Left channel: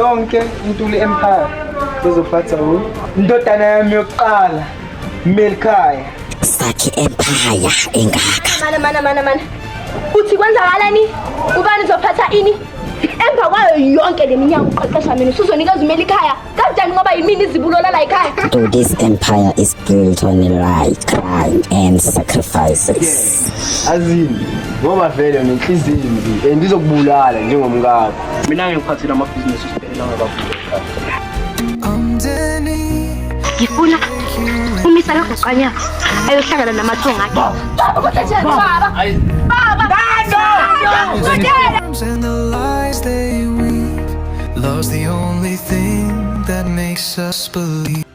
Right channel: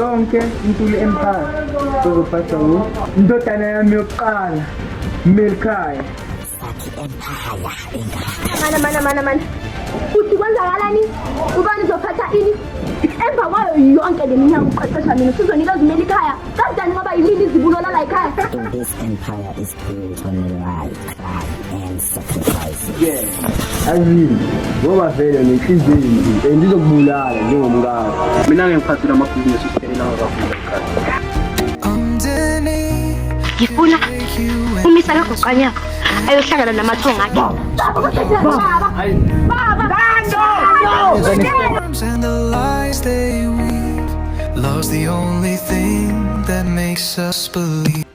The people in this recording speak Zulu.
zonke Ntuli Empire uzophatha indodana yami yokuqala Melkhaya. Sakhe empire engaka. Mana. Uthi kwenzakalani? Ubani uzophatha ini? Emva kwayo yonke leminyaka uqeqesha mina usuzonikeza umeli ekhaya. Kanjani ngoba yimini izibulo la ekhaya? So this empire is built on lie, crime and sacrifices. Azini ngoba vele nenhliziyo embi andizokubulala njengomngaka. Mina ngiphathile amabhizinisi usiphelela kakhulu ekhaya. Ngifuna umisa la goqanya ayohlangana namathonga akhe. Baba. And the lies they weave, love's the only thing that makes us believe.